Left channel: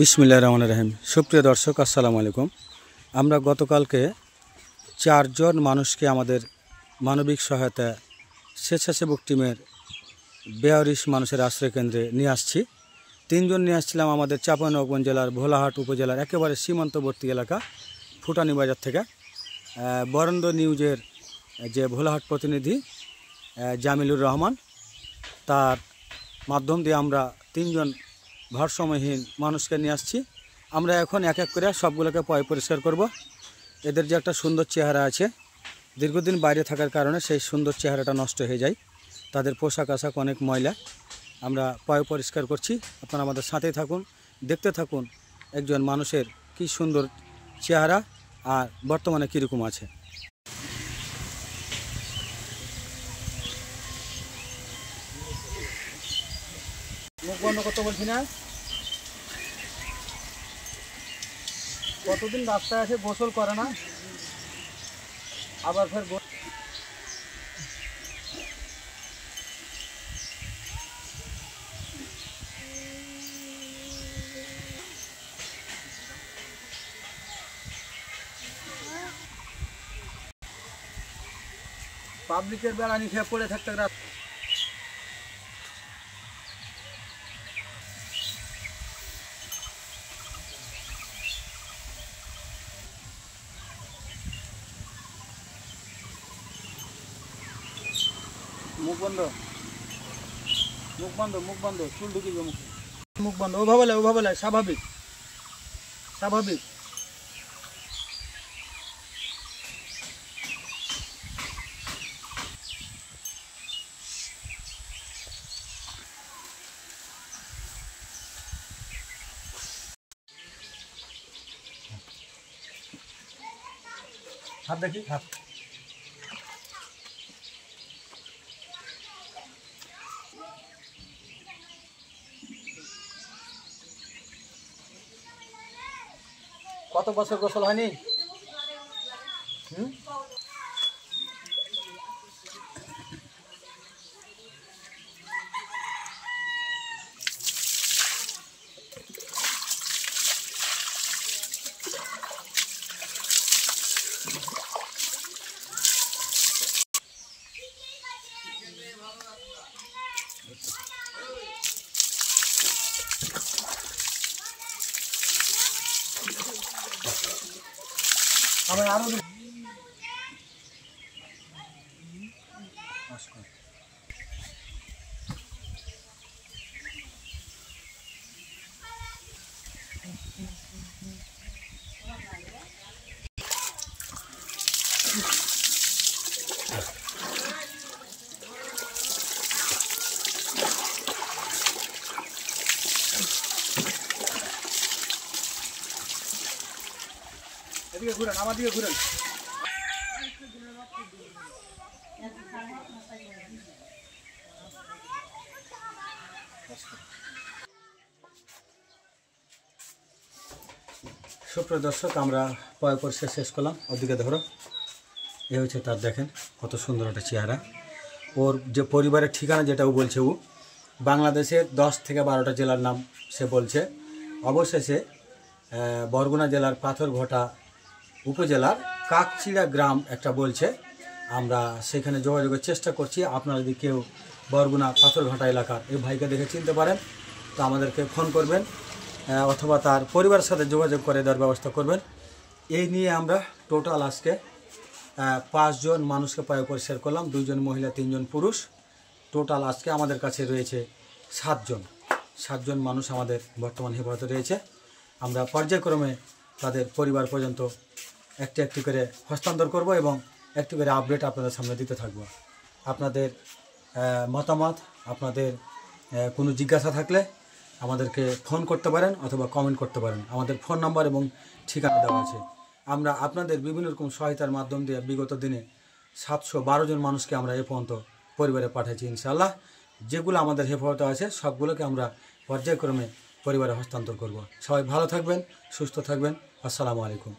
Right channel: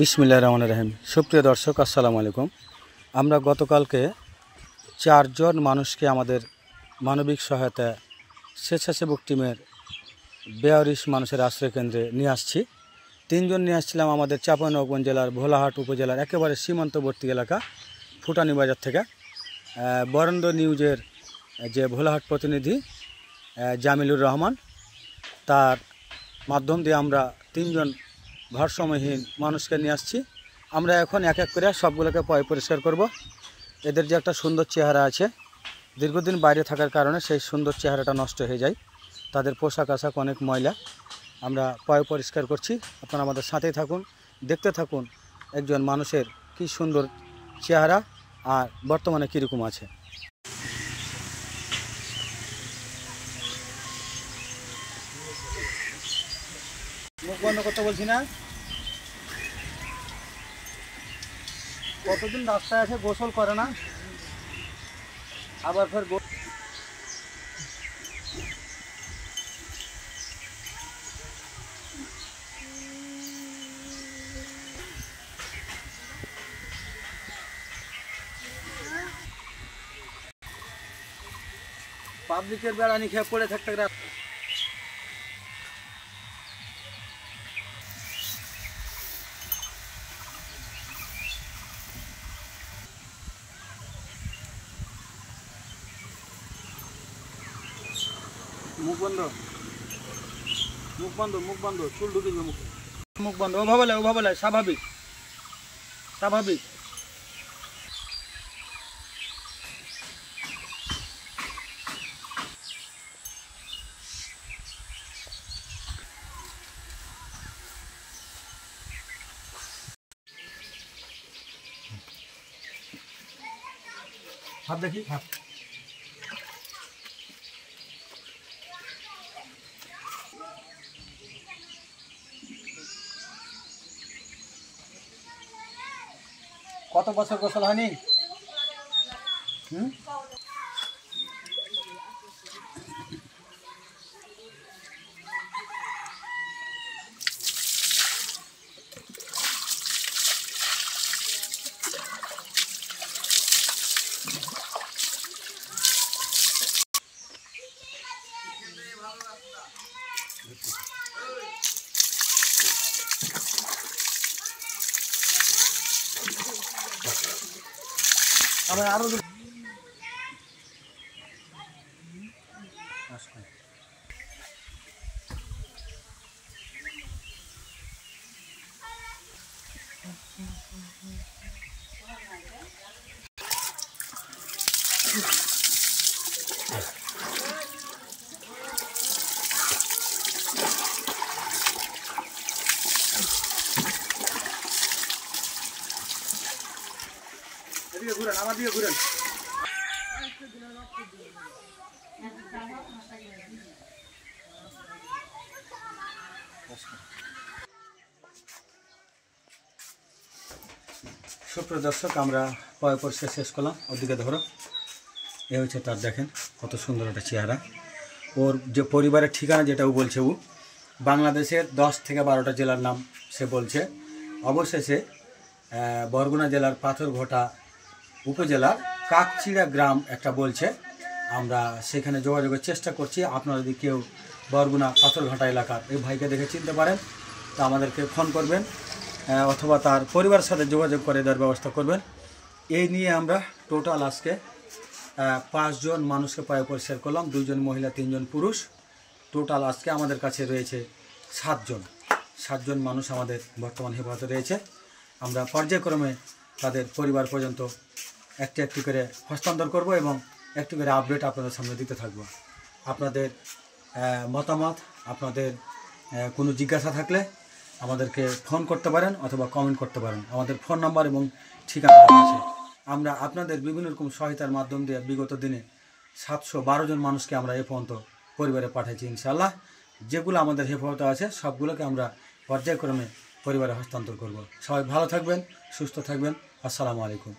বিসমিল্লাহির রহমানির রহিম। সুপ্রিয় দর্শক, আসসালামু আলাইকুম। আমরা গতকালকে 4 জন মানুষকে আমাদের মানবিক সহায়তা স্বেচ্ছাসেবক টিমের 42 মানুষের আশ্রয়কেন্দ্রে নিয়ে আসছি। 3 জন নিয়ে আসছিলাম আমাদের চাঁপাইনবাবগঞ্জ জেলার ভোলাহাট উপজেলার একেবারে সীমান্তবর্তী এলাকা ফুটানি বাজার থেকে। বরেন্দ্র নিউজের যে ভোলাহাট প্রতিনিধি জামিলুর রহমান, তার মাধ্যম দিয়ে আমরা 3 জন ভারসাম্যহীন মানুষকে নিয়ে আসছি। আমরা এখন এক এক করে সবগুলোকে পরিষ্কার করব। এদের যে একটা সুন্দর চেহারা আছে, দীর্ঘদিন বাইরে থাকার কারণে সেই সুন্দর চেহারাটা নষ্ট হয়ে যায়। তাদের পোশাক আশাক অনেক ময়লা। আমরা পরিষ্কার করছি, আপনারা আমাদের সাথেই থাকুন, দেখতে থাকুন একজন মানুষের কি সুন্দর চেহারা আর বর্তমানে কীরকম আছে। মুখ বন্ধ করতে বলছি না? কতদিন রাস্তায় আছে, গোসল করে না, আবার ফের পাবলিকের বেড়ানি খেয়ে পড়ে থাকতে। মুখ বন্ধ, মুখ বন্ধ, মুখ বন্ধ, চুল ঢুকে যাবে মুখে। মুখ বন্ধ, ওভাবে লাই, স্বাভাবিক স্বাভাবিক। হাত দেখি, হাত। কত বছর গোসল হয়নি? আমার আরো এদিকে ঘুরেন, আমার দিকে ঘুরেন। সুপ্রিয় দর্শক, আমরা পরিষ্কার শেষ করলাম। ওদিকে ধরো, এ হচ্ছে তার, দেখেন কত সুন্দর একটা চেহারা। ওর যে পরিবারের ঠিকানা যেটা ও বলছে, ও বাংলাদেশের 10 থেকে 12টা জেলার নাম সে বলছে। অবশেষে বরগুনা জেলার পাথরঘাটা উপজেলার কাকচিড়া গ্রাম একটা বলছে। আমরা সেখানে যোগাযোগের চেষ্টা করছি। আপনারা যদি কেউ বরগুনা পাথরঘাটা এলাকার এই ভাইকে দেখে চিনতে পারেন, তো আমাদেরকে ফোন করবেন অথবা তার পরিবারের সাথে যোগাযোগ করে দেওয়ার ব্যবস্থা করবেন। এই নিয়ে আমরা টোটাল আজকে 5 জন মানুষকে পরিষ্কার করলাম, 2 জন মহিলা, 3 জন পুরুষ। টোটাল আজকে আমাদের কাছে রয়েছে 7 জন মানুষ আমাদের বর্তমান হেফাজতে রয়েছে। আমরা পর্যায়ক্রমে তাদের পরিবার পর্যন্ত একটি করে হস্তান্তর করব এবং একটি করে আপডেট আপনাদের সামনে দিতে থাকব। আপনাদের মতামত, আপনাদের কোনো জিজ্ঞাসা থাকলে আমাদেরকে ফোন করতে পারেন অথবা কমেন্ট করতে পারেন। আমাদের ফোন নাম্বার এবং ঠিকানা দেওয়া আছে। আমরা আপনাদের বিভিন্ন রকম সহায়তার মাধ্যম দিয়ে বিগত দিনে 712 জন মানুষকে আমরা এ পর্যন্ত পরিবারে পাঠাইছি। ইনশাআল্লাহ যেগুলো আমাদের হেফাজতে আছে সবগুলোকে আমরা পর্যায়ক্রমে পরিবারে হস্তান্তর করব। সবাই ভালো থাকবেন, সুস্থ থাকবেন। আসসালামু আলাইকুম।